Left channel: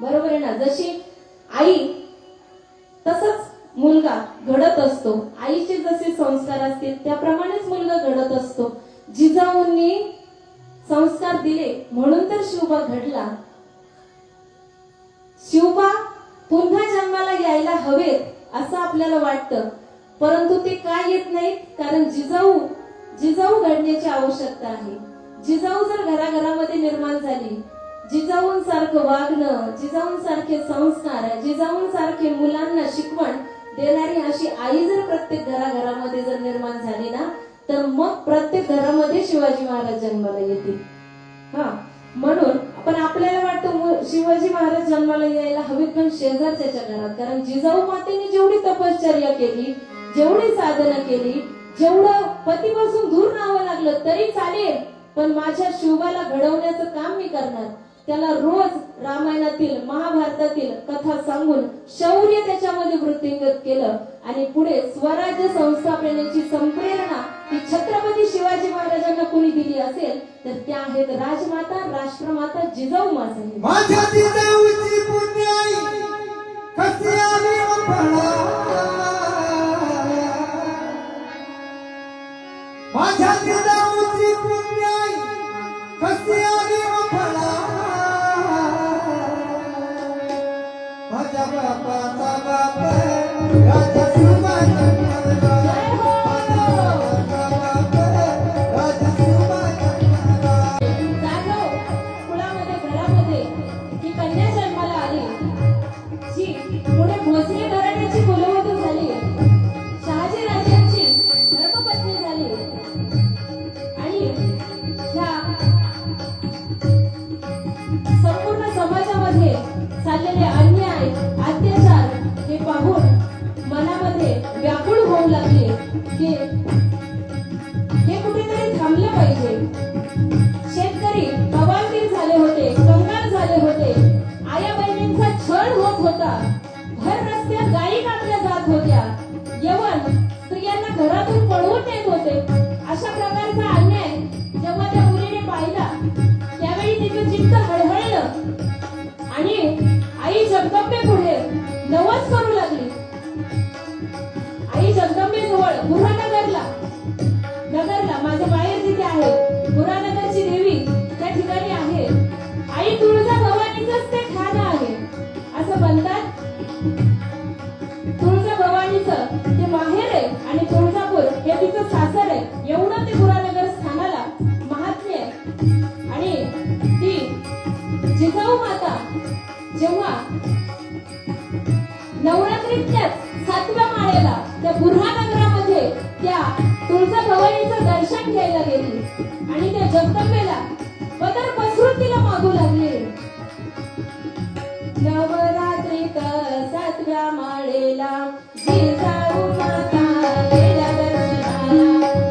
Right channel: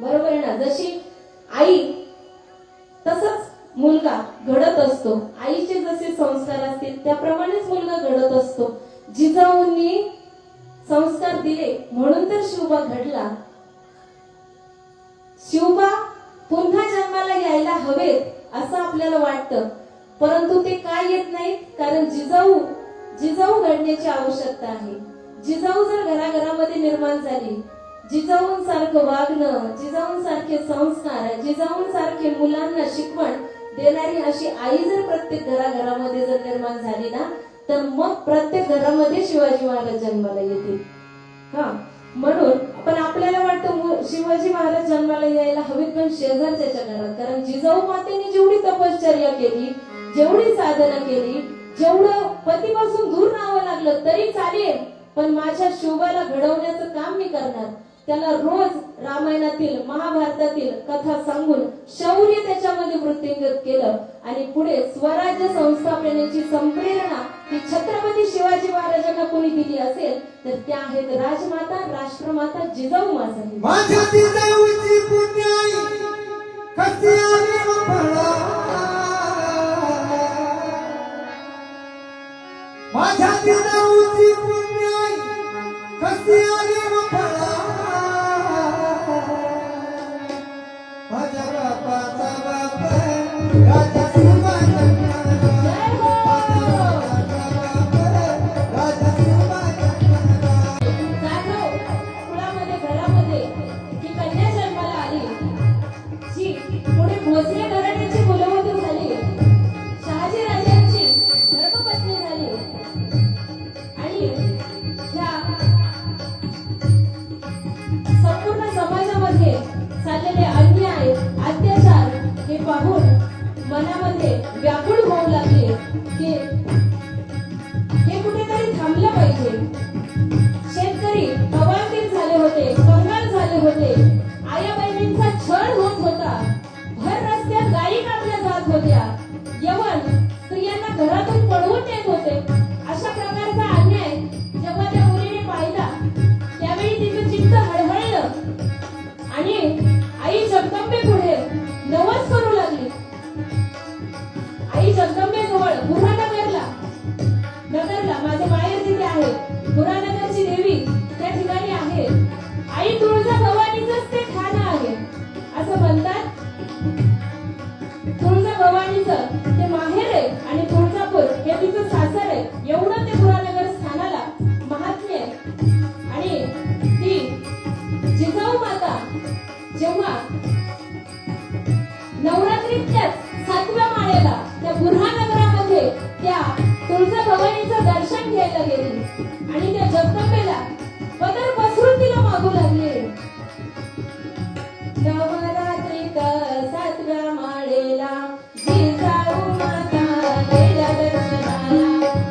बरोबर आहे ना? जशी आई तसंच मुलगा घडत असतो, आईचे जसे संस्कार असतील त्याप्रमाणेच मुलगा घडत असतो. जिजाऊंनी संस्कार दिले म्हणून तर शिवबा घडला. शिवबा पुन्हा जन्माला यायला हवेत असं आपल्याला वाटतं, परंतु ते काय येत नाहीत, कारण जिजाऊ घडण्याची आवश्यकता आहे. जिजाऊ जर घराघरामध्ये निर्माण झाली, जिजाऊंसारखं वागणं, जिजाऊंसारखे संस्कार, जिजाऊंसारखे मुलांना शिकवण देणारी अशी आई जर प्रत्येक घराघरामध्ये जर निर्माण झाली ना, तर मग प्रत्येक घरामध्ये शिवाजी महाराज जन्माला येतील. म्हणून पण आपल्याला वाटतं शिवाजी महाराज जन्माला यायला हवीत पण शेजारच्या घरात, कारण जिजाऊ मातेने जेवढी तपश्चर्या केली, जेवढी साधना केली, जेवढं पतीपासून दूर राहावं लागलं तरी चालेल, पण माझ्या शिवबाला घडवण्याचं काम मी करणार. त्याला रोज रामायणातील महाभारतातील कथा सांगून शौर्य त्याच्यामध्ये वृद्धिंगत केलं आणि पुढे स्वराज्य संस्थापनेची संप्रेरणा ही छत्रपती शिवाजी महाराजांना कोणी दिली असेल तर त्या आहेत राजमाता, राष्ट्रमाता जिजाऊ मासाहेब. माझ्या जिजाऊची पुण्याई कशी आली फळा, माझ्या जिजाऊची पुण्याई कशी आली फळा, माझ्या बापाचा बाप राजा भोसले घराण्याची कुलवधू झाली, शहाजी राजांची धर्मपत्नी झाली आणि या संपूर्ण समाजामध्ये चाललेले अन्याय अत्याचार हे पाहून मनामध्ये व्याकुळ होऊ लागले की हे कुठेतरी थांबलं पाहिजे. शेतकरी अवांतीत झाले होते, कंगाल झाले होते, आया बहिणींचा छळ होत होता, भर रस्त्यात गायी कापल्या जात होत्या, यवन स्त्रियांना घरातून पळवून नेत होते. अशा प्रकारचा अन्याय जेव्हा त्या मुलीने पाहिला त्यावेळी तिचं चित्त हळहळलं आणि आई जगदंबे पुढे नवस करू लागली. आई जगदंबेजवळ बुऱ्हानगरला माझं माहेर जिथे आहे, बुऱ्हानगरची देवी त्या ठिकाणी आहे. आई तुळजा भवानीचंच ते ठाणं आहे असं म्हणतात. तुळजा भवानीचं ते माहेर आहे आणि तुळजापूर हे तिचं सासर आहे, एवढं ते बुऱ्हानगर स्थानाला महात्म्य आहे. आणि ती जिजाऊ माता जेव्हा नवरात्रीतल्याच 7व्या माळ्याला त्या बुऱ्हानगरामध्ये त्या तुळजा भवानीचं दर्शन घ्यायला गेली आणि त्या जगदंबेला पदर पसरून तिला मागू लागले. नवरात्रीत 7व्या माळेला जिजाऊ माता गेल्या दर्शनाला,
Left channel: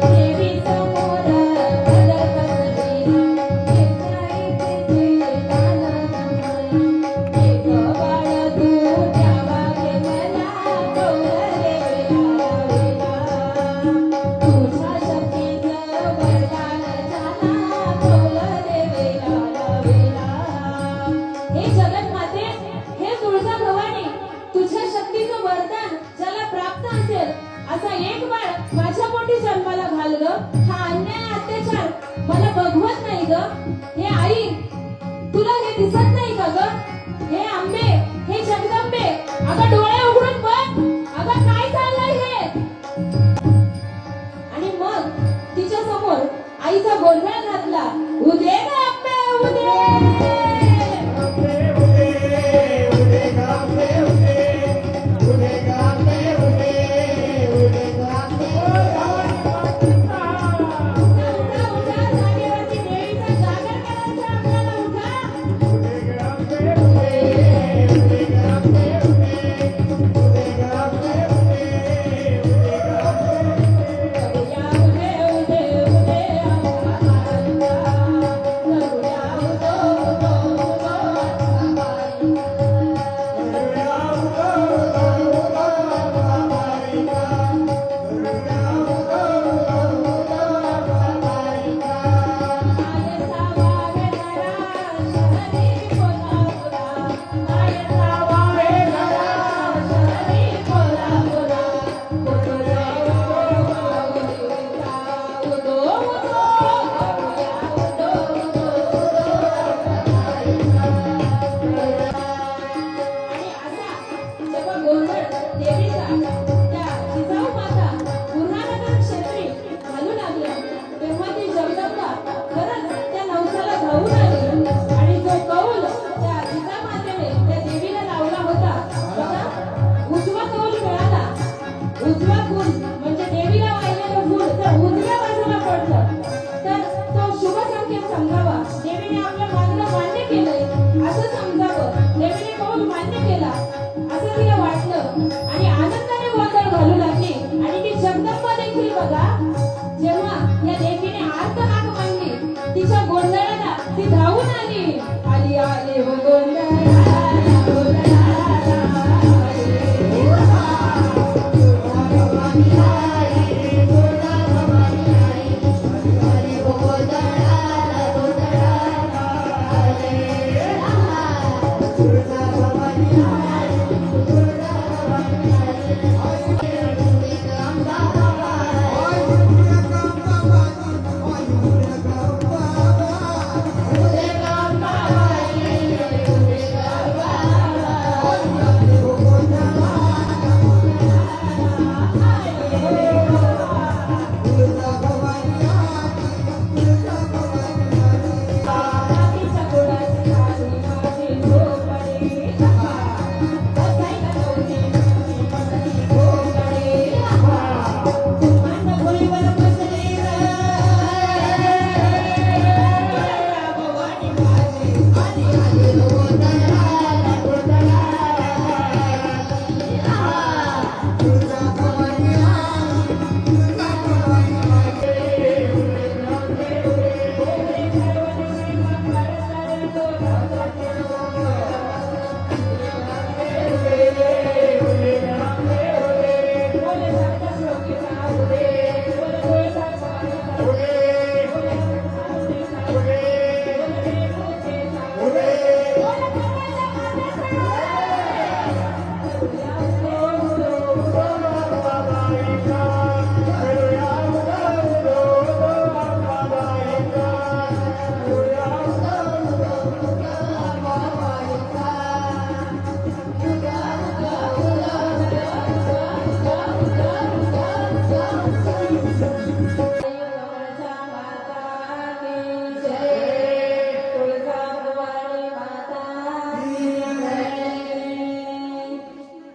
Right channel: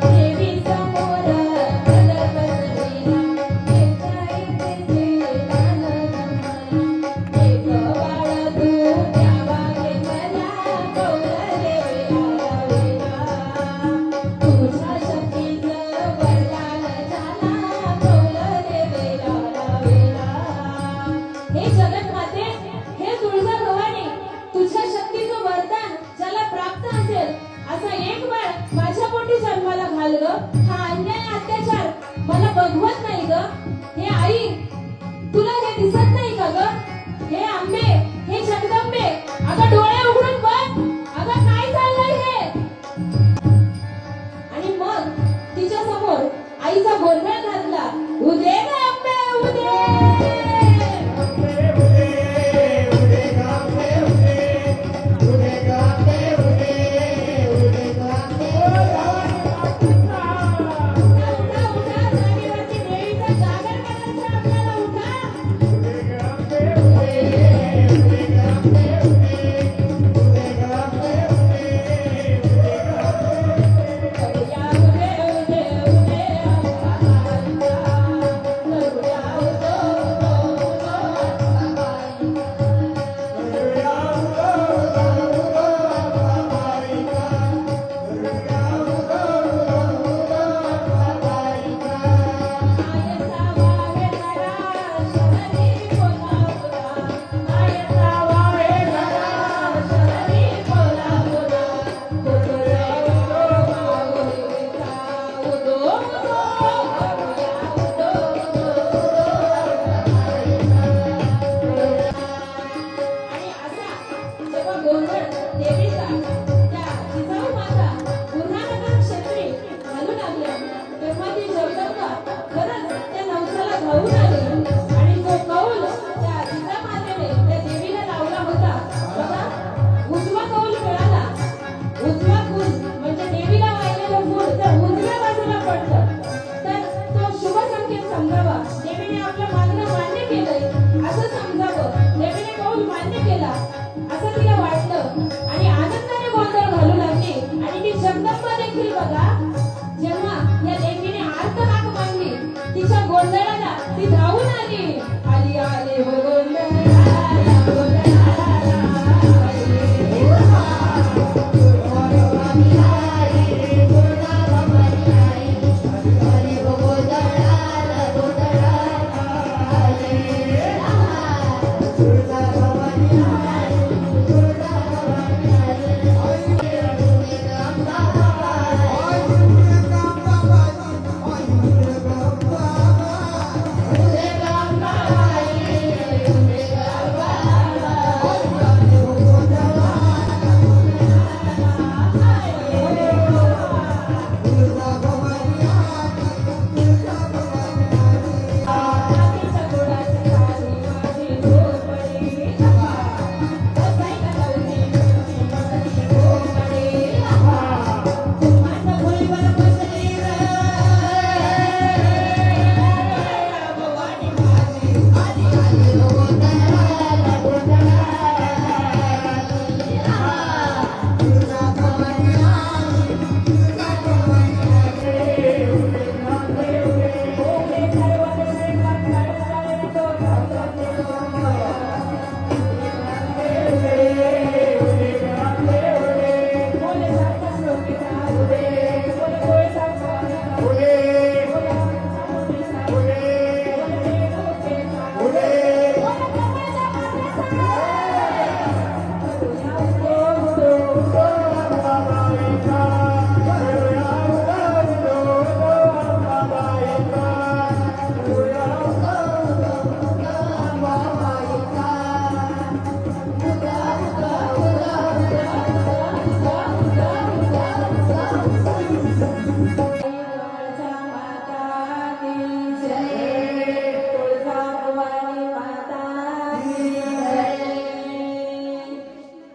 देवी समोर पदर पसरविला, एक बाळ तू त्या बागेतल्या कौलले वेला, तुझ्या शक्तीचं वरदान झाला कौलले वेला. हे जगन्माते, हे तुळजा भवानी, तुझ्या शक्तीचं वरदान ज्याला प्राप्त असेल असा एक बाळ माझ्या पोटी जन्माला घाल ग. हा अन्याय अत्याचार मला बघवत नाही ग. हे आई, तुला हे दिसत नाही का ग? हे आंबे, हे जगदंबे, अगं डोळे उघडून बघ, अगं काय चाललंय हे? आणि मग तिच्या समोर आईचा गोंधळ घातला, उदे ग आंबे उदे. जागेवरती देवीचा जागा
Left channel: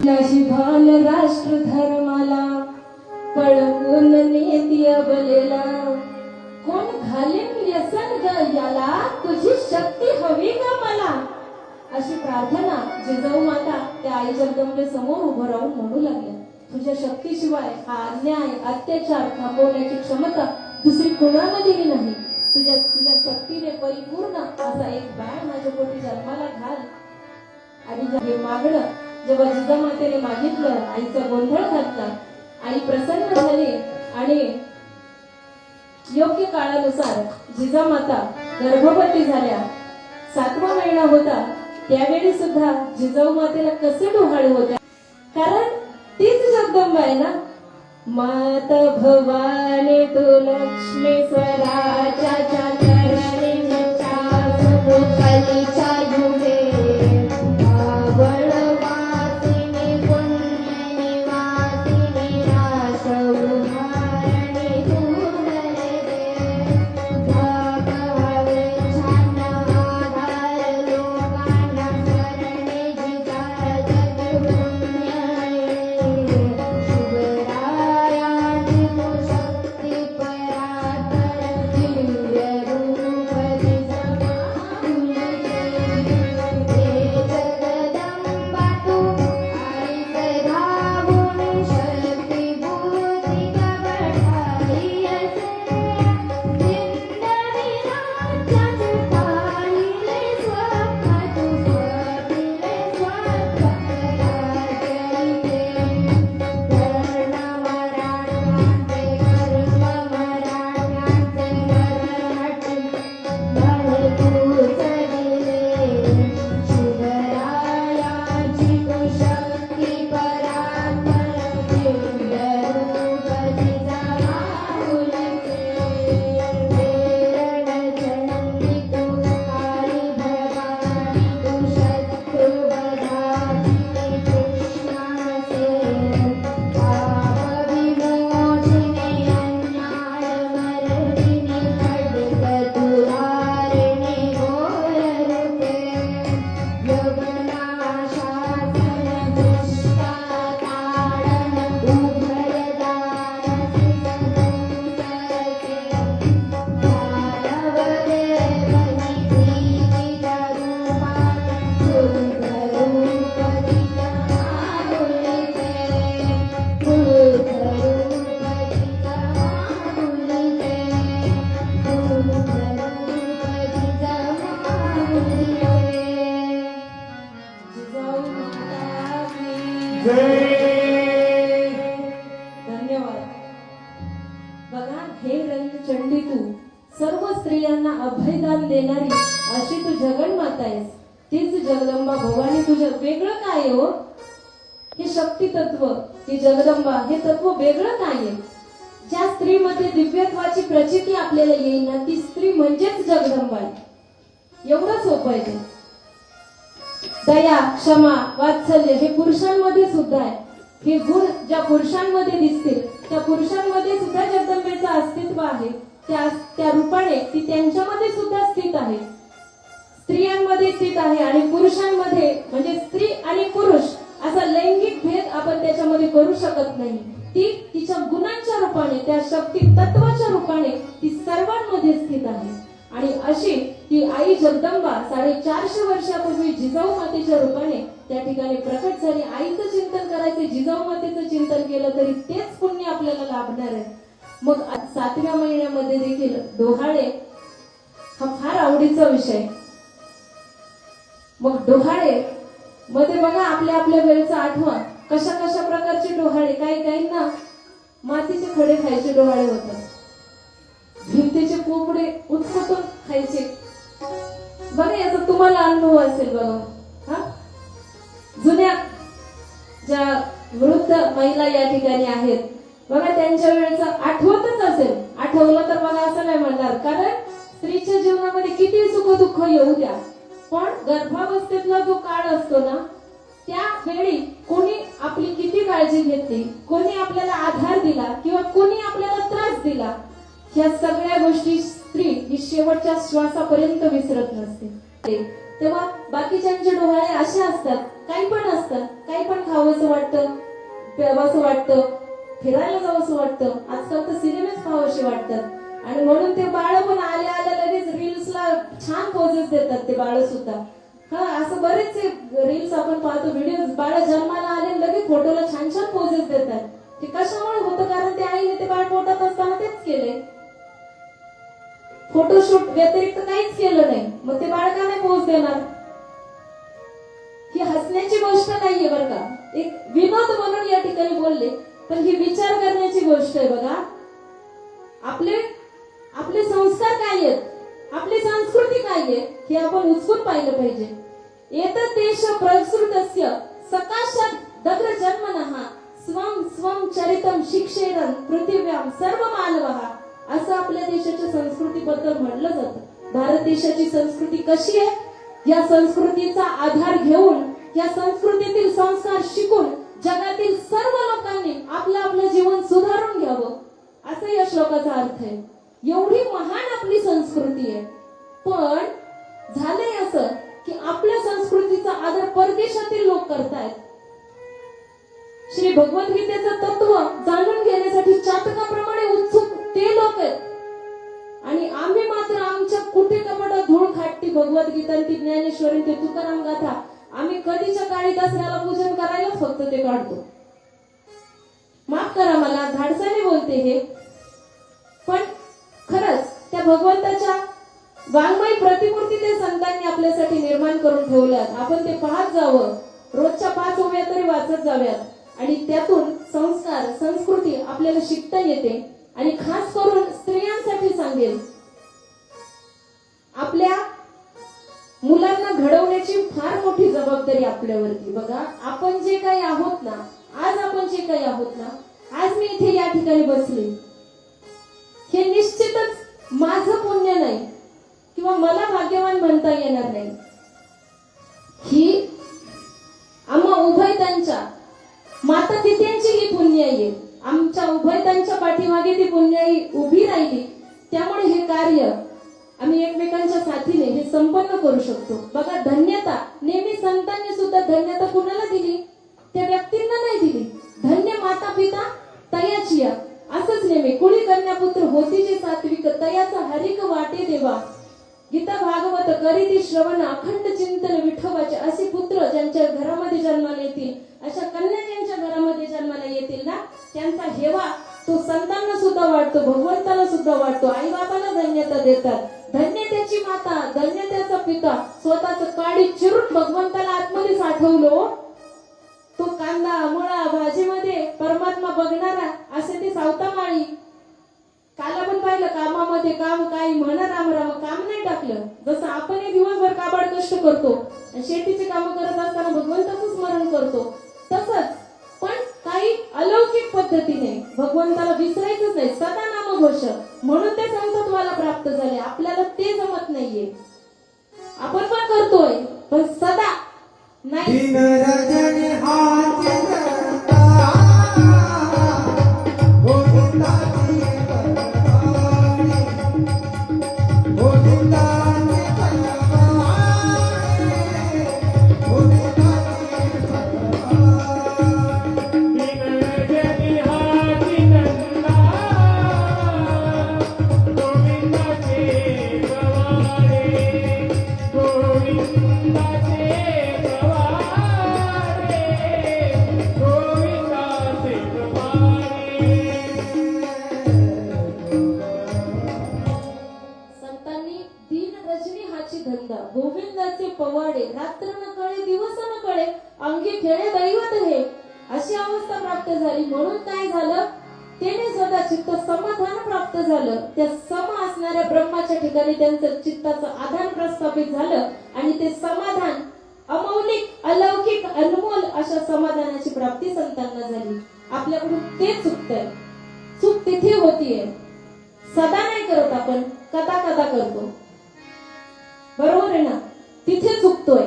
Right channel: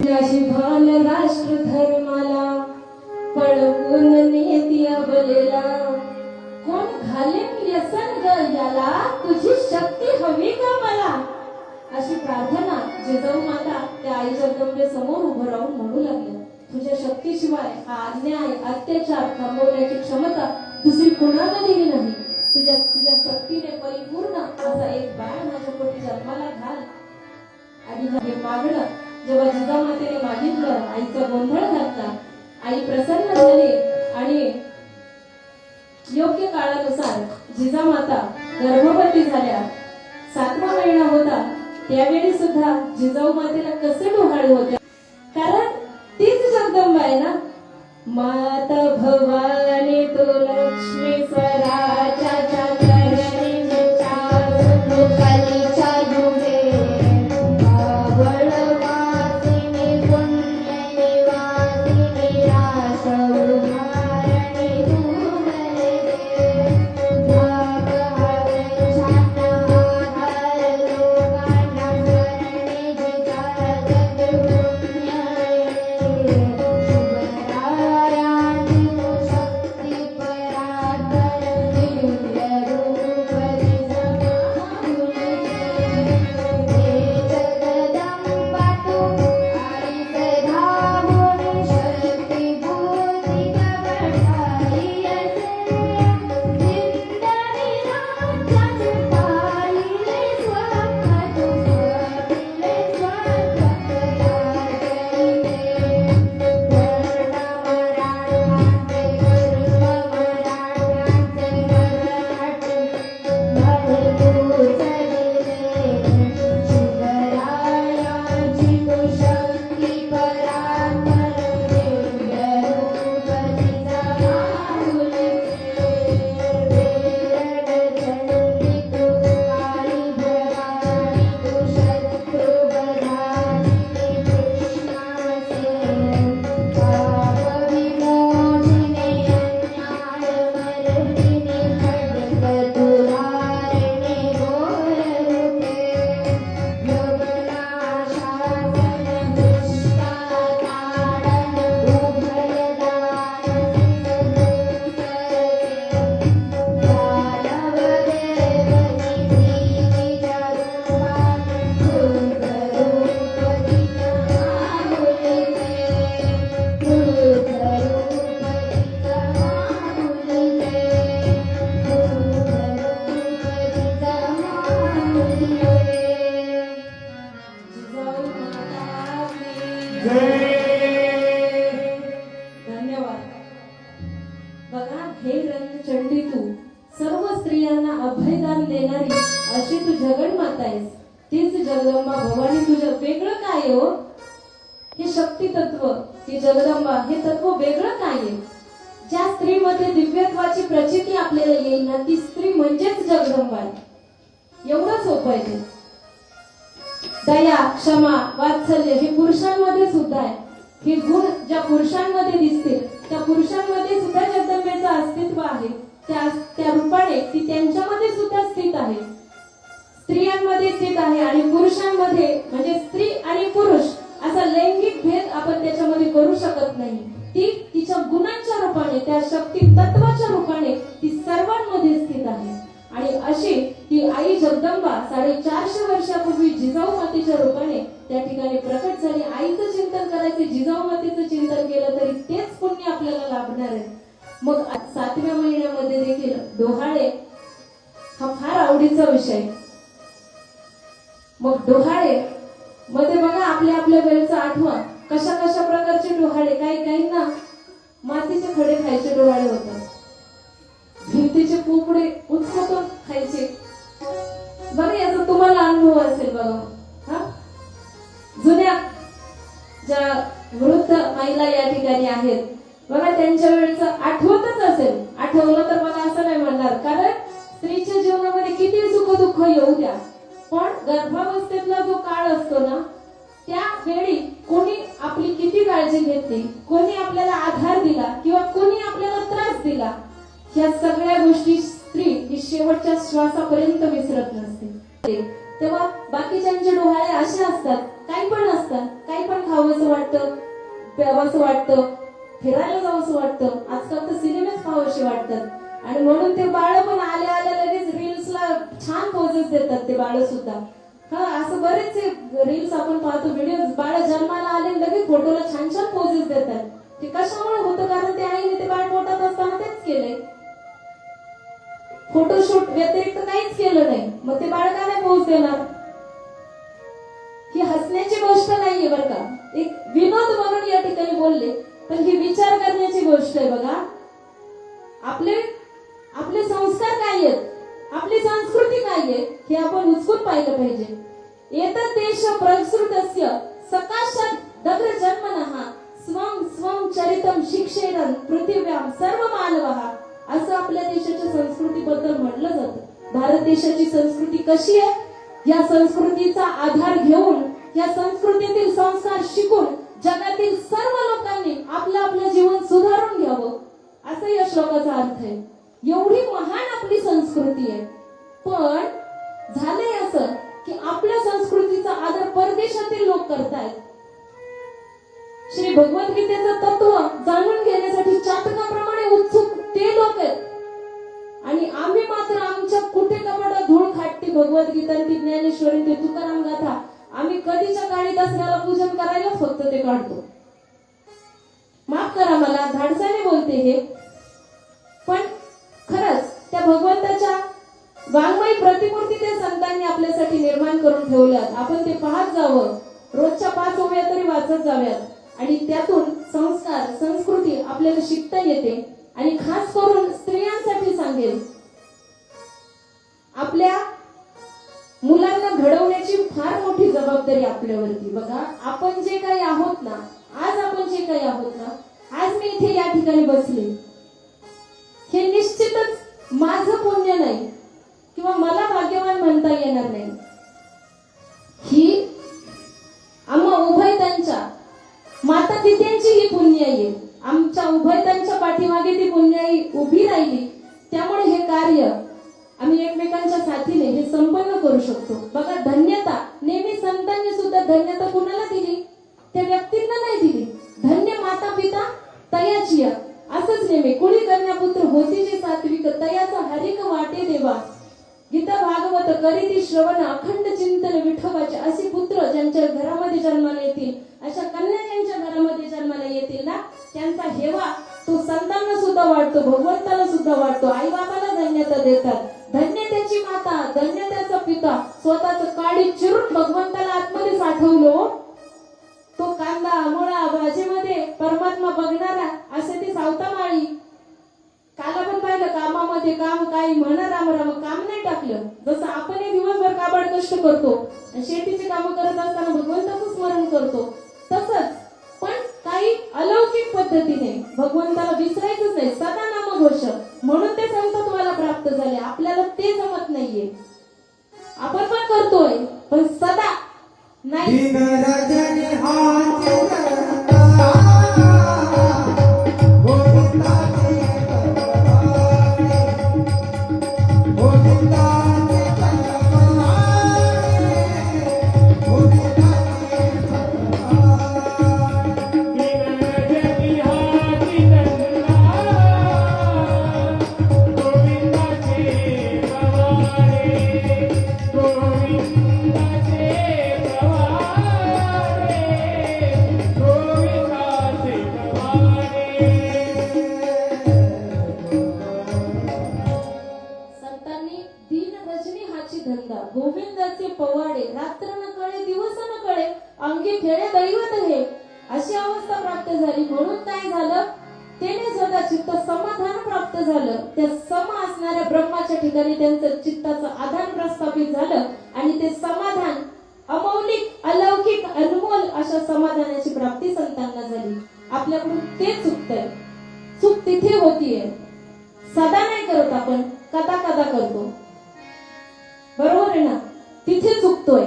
नशिबान राष्ट्र धर्माला पळवून नेती अबलेला कोण घालेन व्यसन ग याला तुझी शक्ती हवी का मला अशी प्रार्थना जिजाऊ माता त्या आई जगदंबे समोर उभं राहून म्हणू लागल्या. तुझ्या शक्तीशिवाय हा अन्याय अत्याचार थांबवण्याची क्षमता दुसरी कोणामध्येही नाही. तुझ्या शक्तीने परिपूर्ण असा एक बाळ माझ्या पोटी जन्माला घाल. आणि हे मागणं जेव्हा जिजाऊ मातेने मागितलं आईचा गोंधळ घातला. आई प्रसन्न झाली आणि योग्य काळानुसार जिजाऊ माता गर्भवती झाल्या. 7वा महिना होता त्यावेळी सुद्धा जिजाऊ मातेला कसे डोहाळे होते कारण तीच जगदंबा आहे ना. मात भवानी तू लक्ष्मी स्वराच्या चरणी कलीच्या युगे धन्यवाद. बघा हे चंडी तू सर्व स्त्रियांना अभयदान देणारी अशी तू जगन्माता आहेस. तीच जगदंबा भवानी तुझ्या वेगळं काय हो? हे शक्ती तत्व, ही जगदंबा, हे तत्व वेगळं काय आहे? ज्या स्त्रीमध्ये दिव्यत्वाची प्रचिती आपल्याला येईल ना, ती स्त्री म्हणजेच जगदंबा आहे. एवढं सोपं आहे ते. दया, क्षमा, वात्सल्य हे पुरुषांमध्ये सुद्धा आहे. हे गुण ज्या पुरुषांमध्ये दिसतील त्या पुरुषांमध्ये सुद्धा जगदंबेचं अस्तित्व आहे. त्या रूपाने ती त्यांच्यामध्ये सुद्धा स्थित आहे, स्त्रियांमध्ये स्थित आहे. आणि पुरुषांमध्ये, म्हणजे स्त्री आणि पुरुष असा लैंगिक भेद आपण त्याच्यामध्ये करू शकत नाही. ती तिच्या गुणांच्या रूपाने, त्या शक्ती तत्वाच्या रूपाने ती सर्वांमध्ये स्थित आहे. आणि अशी ती आई जगदंबा 450 वर्षापूर्वी जिजाऊ मातेच्या रूपाने त्या ठिकाणी प्रकट झाली. आईचं चिंतन करायचं, जिजाऊ मातेचं चिंतन केलं तरी तेच पुण्य आपल्याला लाभणार आहे. मग 7व्या महिन्यामध्ये देखील डोहाळे हा फार आवडीचा विषय. मग डोहाळे मध्ये बघा, आपल्या वेळेचा आठवा, कशा कशा प्रकारचे डोहाळे. काही ना मातीचे खडे खायचे डोहाळे होतात, भिंतीचे पोपडे उत्सव खायचे. बघा, याचा तुम्हाला अनुभव असेल बघा. हा, जुन्या ज्या वृद्ध महिला या ठिकाणी आहेत बघा, त्यांच्या वेळेचं आठवतच असेल. आठवलं तर बघा असं नाही म्हणणार, कारण स्त्रीच्या जीवनामध्ये किती सुख दुःख येऊ द्या, पण गर्भावस्थेतला जो काळ असतो ना, त्यावेळी कोणी आपली किती काळजी घेतली, कोणी आपल्याला आधार दिला किंवा कोणी आपल्याला त्रास दिला, या सगळ्या गोष्टी स्त्री ही शेवटच्या श्वासापर्यंत विसरत नसते. तेव्हा बाकीच्यांचे डोहाळे असे असतात, काही पण असतात, काही पण खावंसं वाटतं, प्यावंसं वाटतं, फिरायला जावंसं वाटतं. आजकाल तर सिनेमेच पाहावेसे वाटतात. आणि म्हणून ते बाळ पण आल्या लगेच रील्सला छान पोजेस देतात ते बाळ सुद्धा. हा, असं बरेचसे रील्स आपण पाहतो, व्हिडिओ. बाळ जन्माला आले लगेच फोटोला छान छान पोजेस देतात. ते कशामुळे होतं? कारण ते आईने ते बाळ पोटात असताना तेच केले, फोटोशूट व्यतिरिक्त काहीच केलं नाही. मग ते बाळ का नाही पोज देणार? ही हसण्याची गोष्ट नाहीये बरं का, एक विनोद म्हणून या ठिकाणी बोलले, पण ही विचार करण्याची गोष्ट आहे. बघा, आपले संस्कार काय आहेत, आपली संस्कृती काय आहे, हे आपण उचलून पाहिलं पाहिजे. एतत् देश प्रसृतस्य सकाशात दग्र जन्मनः स्वं स्वं चरितम शिक्षेरन पृथिव्याम सर्व मानवः, असं आपल्या देशाच्या संस्कृतीबद्दल म्हटलं जातं. भारत देशाची संस्कृती कशी आहे, या संस्कृतीचा आधार घेऊन, या संस्कृतीतील संस्कार शिकून जगातील सर्व लोकांनी आपलं जीवन सुधारून घ्यावं, असं या श्लोकाचा अर्थ आहे. एवढी महान आपली संस्कृती आहे, पण झालंय असं की आपल्या संस्कृतीचा आदर परदेशातील लोक करतायत. श्री भगवद्गीतेचं तत्व जाणून घेण्यासाठी चातकाप्रमाणे उत्सुक ते लोक आहेत, आणि आम्ही मात्र आमच्या कुठे कपाटात धूळ खाटती भगवद्गीता, ती ज्ञानेश्वरी, ते तुकाराम गाथा आम्ही कधीच्या काळी दसऱ्याला पूजन करायला फक्त ते काढतो. माफ करा, मला धाडसाने बोलते हे, पण खरंच त्या भगवंताच्या वाङ्मयी प्रतिपूर्ती त्या संतांनी आपल्यासाठी निर्माण करून ठेवल्यात. आपण ते पाहत जावं, रोजच्या 5 ओव्या तरी वाचत जाव्यात, आणि त्यातून संस्कार, संस्कृती आपल्याला शिकता येते. आणि खास करून स्त्रियांसाठी सांगेल, आपल्या मुलांना घडवण्याची फार मोठी जबाबदारी आपल्यावरती. बघा, आपण जे काही आहोत ना, आज आपण जे काही आहोत ना, आज मी इथे या ठिकाणी बसले, हे निश्चितच माझं पुण्य नाही किंवा मला भाग्यवान म्हणता येणार नाही. ही आम्हा उभयतांच्या माता पित्यांची ही पुण्य आहे. आमच्या उभयतांच्या पाठीमागे ती पुण्याई उभी राहिली, त्यामुळे हे कार्य आम्ही एकमेकांच्या साथीने हे संपन्न करू शकतो. बघा, धन्यता नेहमी संतांनी सुद्धा धन्यता कुणाला दिली? त्या व्यक्तींना नाही दिली. धन्य माता पिता तयाची, असंच नेहमी कुणी कन्यापुत्र होती जे सात्विक, तयाचा हरिक वाटे देवा. गीता भागवत करीती श्रवण अखंड चिंतन विठोबाचे. असे पुत्र ज्यांच्या घरामध्ये जन्माला येतील, अशा कन्या ज्यांच्या घरामध्ये जन्माला येतील ना, त्यांचा हेवा तो संतांना सुद्धा वाटतो, भगवंताला सुद्धा वाटतो, आई बाबाला धन्यता देतात. धन्य त्याची माता, धन्य त्याचा पिता. स्वतःच काळी चिरून भगवंताला आतमध्ये साठवलो. तो कांदा मुळा भाजीमध्ये परमात्मा बघणारा, असे ती सावतामाळी. काल आपण पाहिलं, कामामध्ये काम काही म्हणा राम राम, काम नाही टाकलं. जसं आपण दिवसभर काबाड कष्ट करतो, शेतीची कामं करत असताना भगवंताचं स्मरण करतो. तसंच पण काही अलौकिक पद्धतीने भगवंताला विसरायचंच नाही, सदा नामघोष, म्हणून ते संत तुम्हाला प्राप्त झाले. आपल्याला ते जमत नाहीये, आपण पण करतोय पण सदा नाही. दिन रजनी हाती धरता, गोविंदाची बलवाणी, गोविंदाची बलवाणी, गोविंदाची बलवाणी. संतांनी दिन रजनी हाची धंदा, गोविंदाचे पवाडे, रात्र न कळे दिवस न कळे, अंगी खेळे दैवत हे, अशी अवस्था प्राप्त झाली. म्हणून काय झालं, त्याने स्वतः चित्त समाधान प्राप्त झालं. त्या सम असणाऱ्या ब्रह्माच्या ठिकाणी त्यांचं चित्ताचं आधान प्रस्थापित झालं आणि ते समाधान अमौलिक, अलौकिक, अनमोल अशा समाधानाची प्राप्ती संतांना झाली. आपल्याकडून ते चुकतंय, चूक तिथे होतीये. सदा नाही करत आपण, कदा कदा करतो, बरोबर आहे ना, तिथे चुकतोय.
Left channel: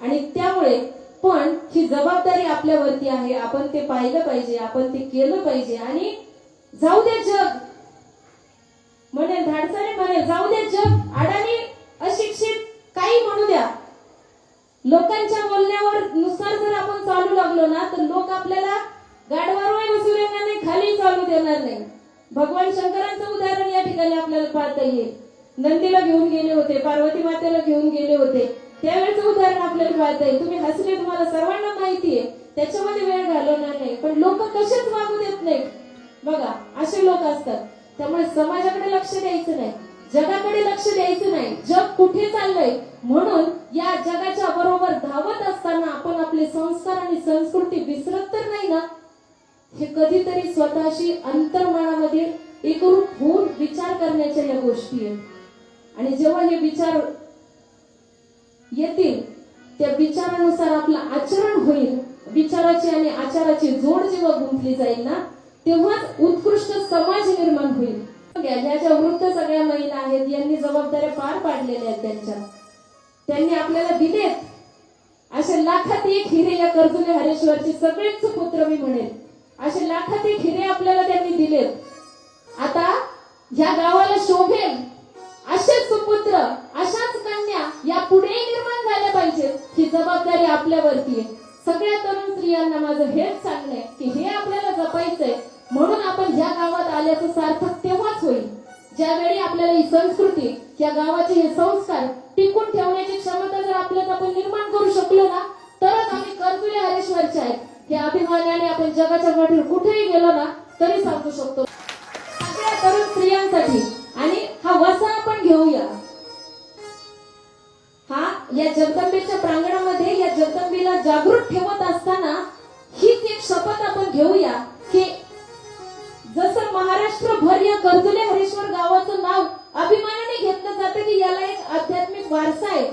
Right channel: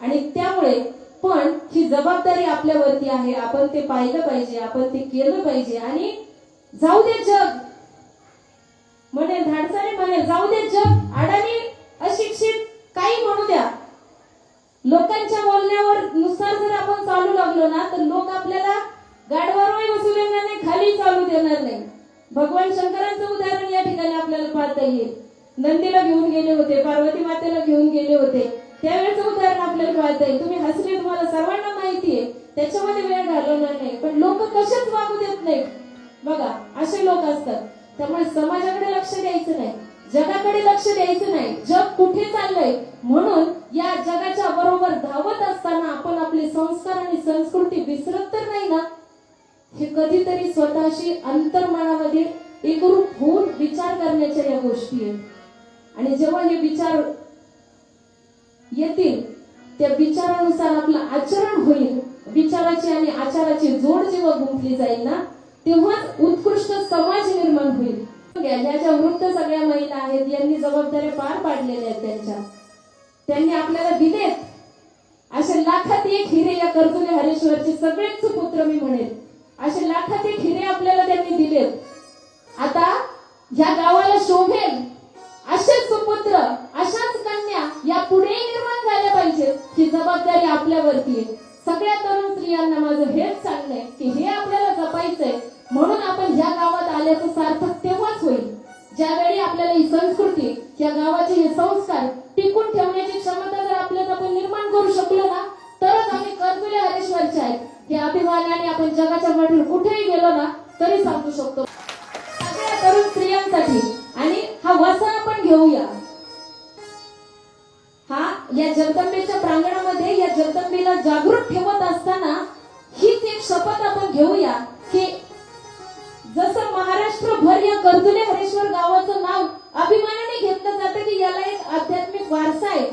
आणि त्यामुळे पण ही जबाबदारी आपल्यावरती आहे. आपण ते पाहिलं पाहिजे, आपण ते केलं पाहिजे. आणि जाऊ दे जग म्हणे, धाडसाने म्हणे, जाऊ दे जग अडाणी, अशिक्षित, काही म्हणू द्या. लोकांच्या बोलण्यावर नुसार जर आपण चालू लागलो ना तर लोक आपल्याला गाडवारही बसू देणार नाही, खाली चालू देणार नाही. भगवान शंकरांचं उदाहरण या ठिकाणी आपल्याला पाहता येईल. नंदीला घेऊन गेले होते, पार्वती मातेला घेऊन गेले होते, त्यावेळेचं उदाहरण आपल्याला पाहता येईल. तुम्ही हसले, तुम्हाला सर्वांना माहितीये, त्याच्यामध्ये वेळ घालवणार नाही. पण लोक कसेच वागू देत नाही बघा, असे लोक असतात. त्यामुळे समाजाकडे लक्ष द्यायचं नाही, जगाकडे लक्ष द्यायचं नाही. जग कुठे चाललंय म्हणून या जगाच्या बरोबर धावत असताना आपण आपले संस्कार आणि संस्कृती विसरत तर नाही ना. हे कधीतरी स्वतःशी अंतर्मनामध्ये एकरूप होऊन विचार करण्याच्या या गोष्टी आहेत. आणि जेव्हा हे विचार येतील, त्या विचारानुसार आपलं आचरण होईल, विचाराची आणि आचाराची जोड जेव्हा गुंतली जाईल ना, तेव्हाच उत्कृष्ट समाज निर्माण होईल. ह्या ज्या वृद्ध सगळ्या महिला आहेत, यांनी जबाबदाऱ्या पार पाडलेल्या आहेत. त्यांनी आपल्याला दिलेत असे लाखात एक हिरे. या कर्जुले हरेश्वरचे सगळेच सुपुत्र मी म्हणेन, असे लाखात एक हिरे आपल्याला त्यांनी दिलेत. आता या गावाला शोभेल असेच सुपुत्र, अशाच कन्या या पुढे निर्माण झाल्या पाहिजेत. ही जबाबदारी आपल्यावरती आहे. सगळ्या तरुण स्त्रियांना माझं हेच सांगणं आहे की हे आपल्याला जपायचंय. म्हणून आपण या गावात आल्याचं सार्थक तेव्हाच होईल ज्यावेळी आपल्याला ही संस्कृती, या गावाचे हे संस्कार टिकून ठेवण्याची क्षमता जर आपल्यात आपण निर्माण करू शकलो ना, तरच आम्ही कर्जुले हरेश्वरचे आहेत हे अभिमानाने आपण जगाच्या पाठीवर कुठेही गेलो ना तरी सांगू शकतो. सगळ्या तरुण स्त्रियांसाठी आणि हा वसा आपण घेऊया. हा या जगदंबेच्या प्रांगणामध्ये या जगदंबेला जागृत ठेवत असताना हीच एक शपथ आपण घेऊया की जसं महाराष्ट्रभर या कर्जुले हरेश्वर गावाचं नाव अभिमानाने घेतलं जातं की याला एक आध्यात्मिक वारसा आहे,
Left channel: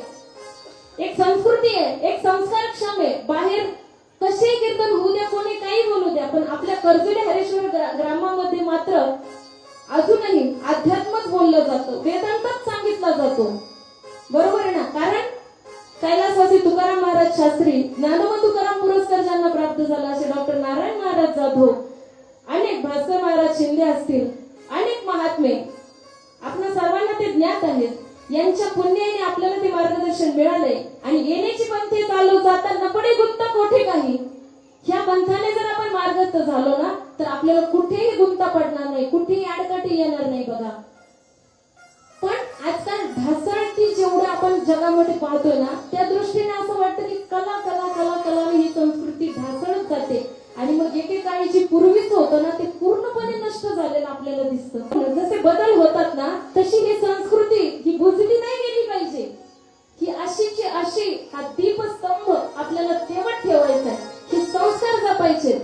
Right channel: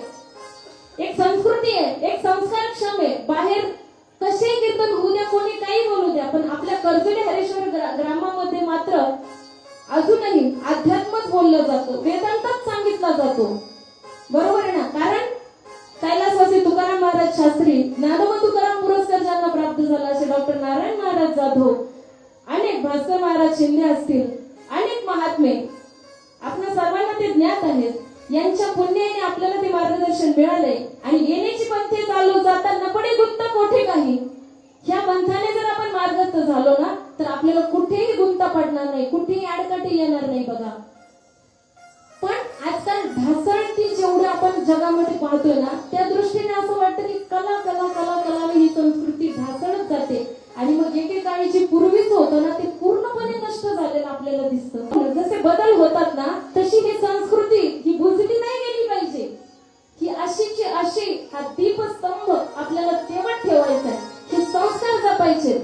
एक संस्कृती आहे, एक संस्कारक्षम आहे. बाहेर कसेही कीर्तन होऊ द्या, कोणी काही बोलू द्या, पण आपल्या कर्जुले हरेश्वर ग्रामामध्ये मात्र अजूनही अध्यात्मच बोललं जातं, वेदांतच सांगितला जातो. बरोबर आहे ना. कारण कैलासवासी तुकाराम महाराज शास्त्री, ज्ञानोबा तुकाराम पुरस्कार ज्यांना प्राप्त झाला असे डॉक्टर नारायण महाराज जाधव, अनेक भास्कर महाराज शिंदे असतील, अनेक महात्मे आपल्या सर्वांना ते ज्ञात आहेत. यांच्या पुण्याने आपल्याला ते मार्गदर्शन मिळाले आणि येण्याची पंथे चालू जाताना पडे गुंत मोठे काही. ह्या पंथाने जर आपण मार्गस्थ झालो ना तर आपल्याला कुठेही गुंता पडणार नाही, कुठेही आडकाठी येणार नाही बघा. पण आजकाल ढासळती जेवढं आपण जगामध्ये पाहतोय ना, त्या दृष्टीने असं वाटतं की कला कला कला कला ही संस्कृती ढासळत जाते आणि मग एकेकाळी जी पूर्वीच होतं ना ते पूर्णपणे नष्ट झालेलं आपल्याला दिसतं. जसे बदल होतात ना तशी ही संस्कृती ही बुजली नाही गेली पाहिजे. ही अशीची अशी हा दीपस्तंभ आपल्याला तेवढ ठेवायचा आहे, हे संस्कार जपायचे,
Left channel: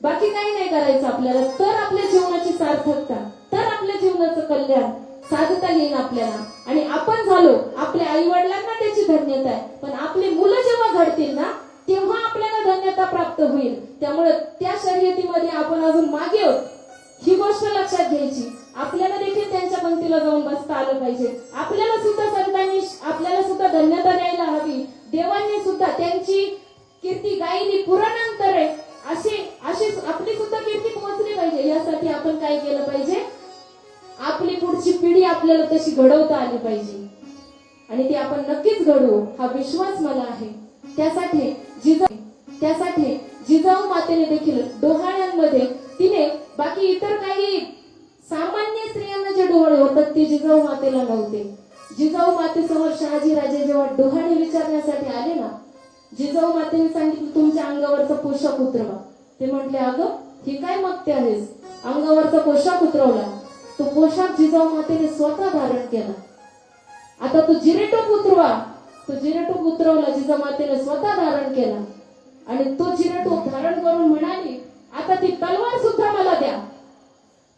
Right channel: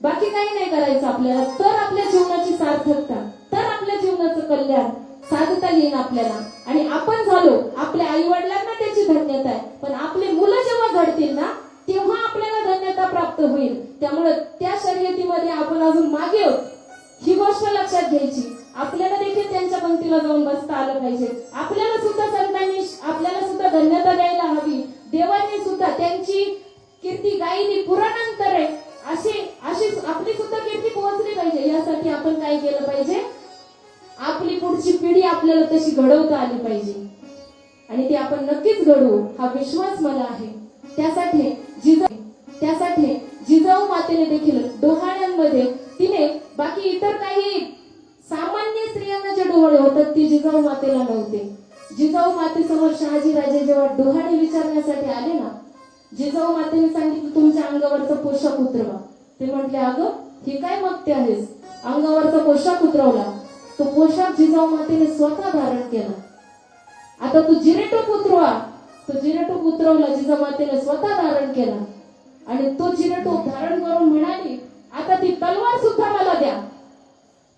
बाकी काही नाही करायचं आपल्याला. तर आपल्या जीवनाची सार्थकता, तर आपल्या जीवनाचं कल्याण साधता येईल आपल्याला. आणि आपण झालो, आपल्या आई वडिलांना त्याची धन्यता आहे, पण आपली मुलं जेव्हा घडतील ना तेव्हा आपल्याला धन्यता प्राप्त होईल. त्यामुळे त्या शर्यतीमध्ये आपण अजून मागे आहोत, ही गोष्ट लक्षात घ्यायची. आपल्याला देखील त्यांच्या पंक्तीला जाऊन बसता आलं पाहिजे. आपल्याला सुद्धा संतांनी आपल्याला सुद्धा धन्यता द्यायला हवी. देवाने सुद्धा त्यांची कीर्ती गायली पुराणांतर आहे, अशी अशी आपली सुद्धा कीर्ती पोहोचली पाहिजे. यासाठी आपण काय केलं पाहिजे, आपली पुढची पिढी आपल्याला तशी घडवता आली पाहिजे आणि ती आपण नक्कीच घडवू हा विश्वास मला आहे. त्यासाठी जिजाऊ मातेने देखील डोहाळ्यांमध्ये तिने बाकी इतर काही सामान्य स्त्रियांना जे डोहाळे होतात ते जिजाऊ मातेला नव्हते. जिजाऊ मातेसमोर शहाजी राजे जेव्हा डोहाळे विचारण्यासाठी आले ना, जिजाऊ मातेने सांगितलं तुमच्या अंगावरचा पोशाख उतरवा. ते म्हटले अगं हे काय मागते आहेस, अंगावरचा पोशाख उतरवला. तो पोशाख जिजाऊ मातेने स्वतः धारण केला. आता तो जिरेटोप उतरवा, तो जिरेटोप उतरवला, जिजाऊ मातेने स्वतः धारण केला आणि तो जिरेटोप धारण करून म्हणाली आता ती तलवार सुद्धा मला द्या.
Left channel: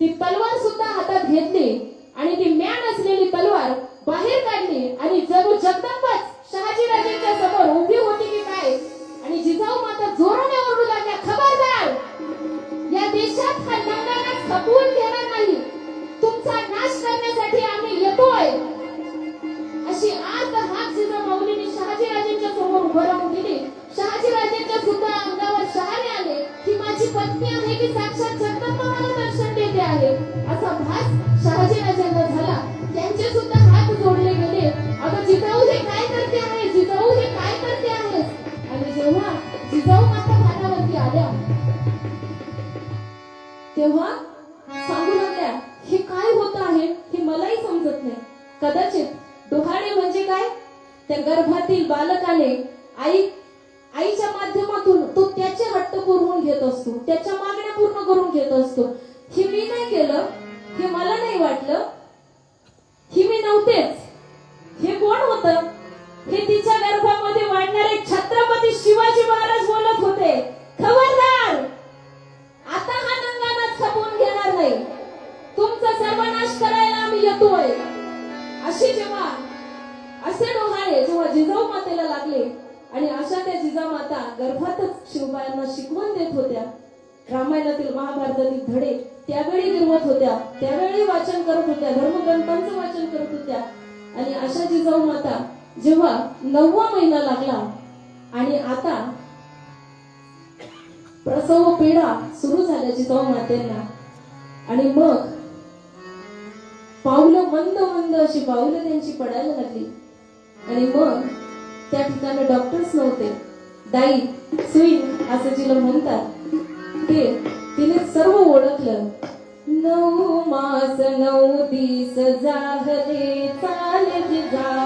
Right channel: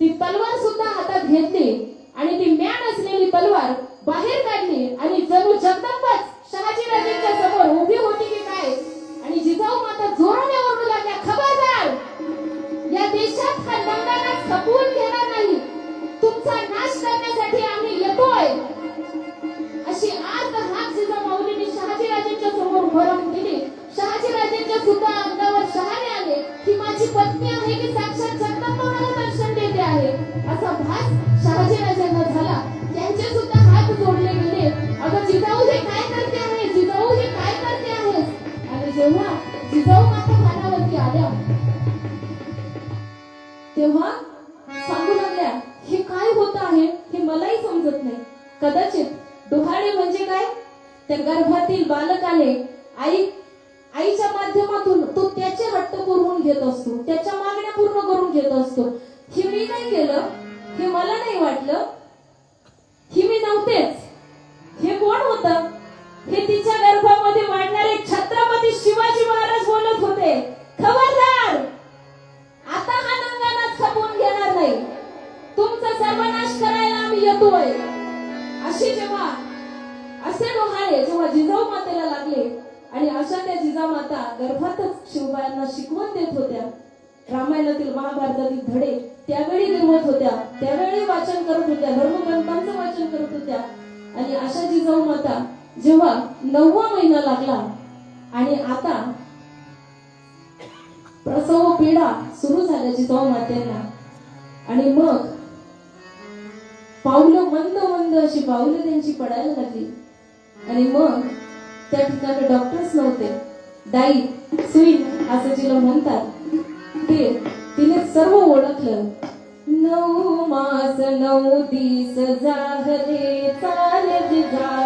ती तलवार सुद्धा हातात घेतली आणि ती म्यान असलेली तलवार बाहेर काढली आणि जणू जगदंबाच शहाजी राजेंच्या समोर उभी होती की काय. आणि जिजाऊ माता जोराने ओरडू लागल्या, खबरदार, या देशात हा नंगारा खपवून घेणार नाही, तुमचा नाश करण्यासाठी आम्ही येतोय. अशी आर्त हाक जिजाऊ माऊलीने शहाजी राजेंच्या समोर उभं राहून दिली. शहाजी राजेंच्या सुद्धा अंगावर शहारे आले की माझी पत्नी आहे की साक्षात जगदंबा मला दर्शन देते आहे, असा भास शहाजी राजेंना झाला. त्यांचे सुद्धा हात जोडले गेले. अगं जिजाऊ हे काय करते आहे, जिजाऊ हे काय करते आहे. आणि जेव्हा जिजाऊ माता भानावरती आल्या तेव्हा सांगू लागल्या हे काय होत आहे हे मलाही समजत नाही. कदाचित डोहाळे म्हणजे काय, त्या गर्भातील बालकाने आईच्या माध्यमातून तो त्याचे हट्ट पुरवून घेत असतो, त्याच्या मागण्या पूर्ण करून घेत असतो. हे मी काय केलं हे मला नाही वाटलं, ही मी नव्हतेच. हे कोण होतं, हे तिच्या गर्भामध्ये वाढणारे छत्रपती शिवाजी महाराज बोलत होते. खबरदार, आता हा नंगानाच खपवून घेणार नाही, तुमचा सर्वनाश करायला आम्ही येतोय. असे जेव्हा असे डोहाळे जेव्हा जिजाऊ मातेला लागले आणि अशा त्या जिजाऊ माता गर्भातच शिवबायांना शिकवण देत होत्या. रामायणातील महाभारतातील धडे त्यावेळी लिहत होत्या, त्यावेळी वाचन करत होत्या, धर्मग्रंथांचं वाचन करत होत्या. आणि अशा जिजाऊ माता जेव्हा 9वा महिना लागला आणि आता प्रसव पीडा सुरू झाल्या जिजाऊ मातेंना आणि मग पावलं मंद मंद अशी पावलं त्यांची पडायला लागली. आणि मग त्या ठिकाणी डॉक्टर्स नव्हते, दाई सुई असं जिला म्हणतात ते तिने सर्व ओळखलं. 9 मास 9 दिस झाले चाल जिजा